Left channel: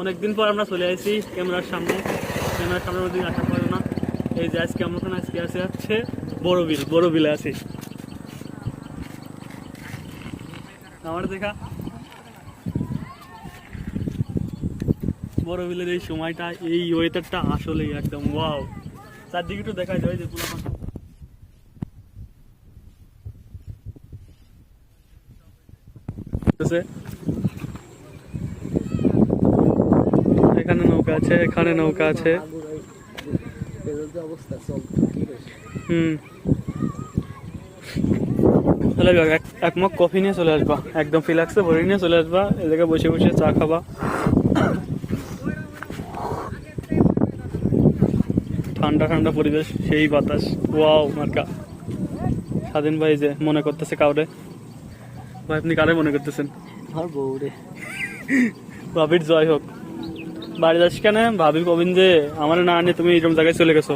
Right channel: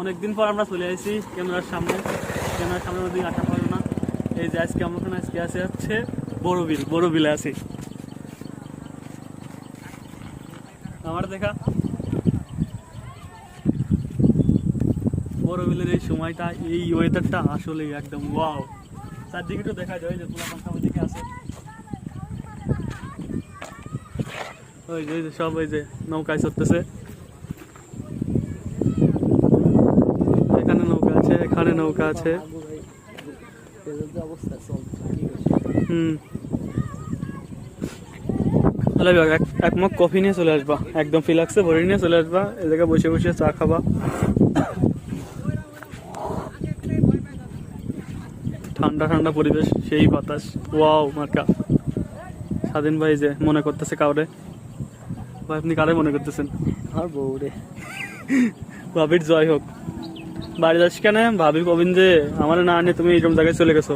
অনেকদিন পর আমরা চলে আসি ক্যামেরার সামনে। ক্যামেরার সামনে ওদিন আসা পারো না। এই যে আজকে আমরা আজকে আসে হচ্ছে বড় বিল বড় বিলে আছি। আমার দেখা। বড় বিলের এই সময়টা, এই ওয়েদারটা আসলেই একদম ওয়াও চারদিকে একটু দেখা যায় যে পোলা পাখা ওইদিকে আছে। ওই যে সব, ওই যে নৌকায় চলতেছে এখানে নৌকা আছে এখানে নৌকা আছে। হুম। চলে যাক এক- মগ কফি নিয়ে চলে আসবা। একদম ফিলাক্সে বসে নিয়ে চলে আসবা এ জায়গায় বসে বসে চা খাবা। ঠান্ডা ঠান্ডা পরিবেশ সেই বাতাস। ওয়াও মার্কা। স্বাধীন ভাই যে মনে করতেছে কাউরে। ভাই আপনি কারে মনে করতেছেন? আর বউ রে জয় হোক। বাড়ি যাচ্ছি কেন? ভাবি কবিন যে আমার না আনে তুমি এইরকম জায়গায় চলে গেছো।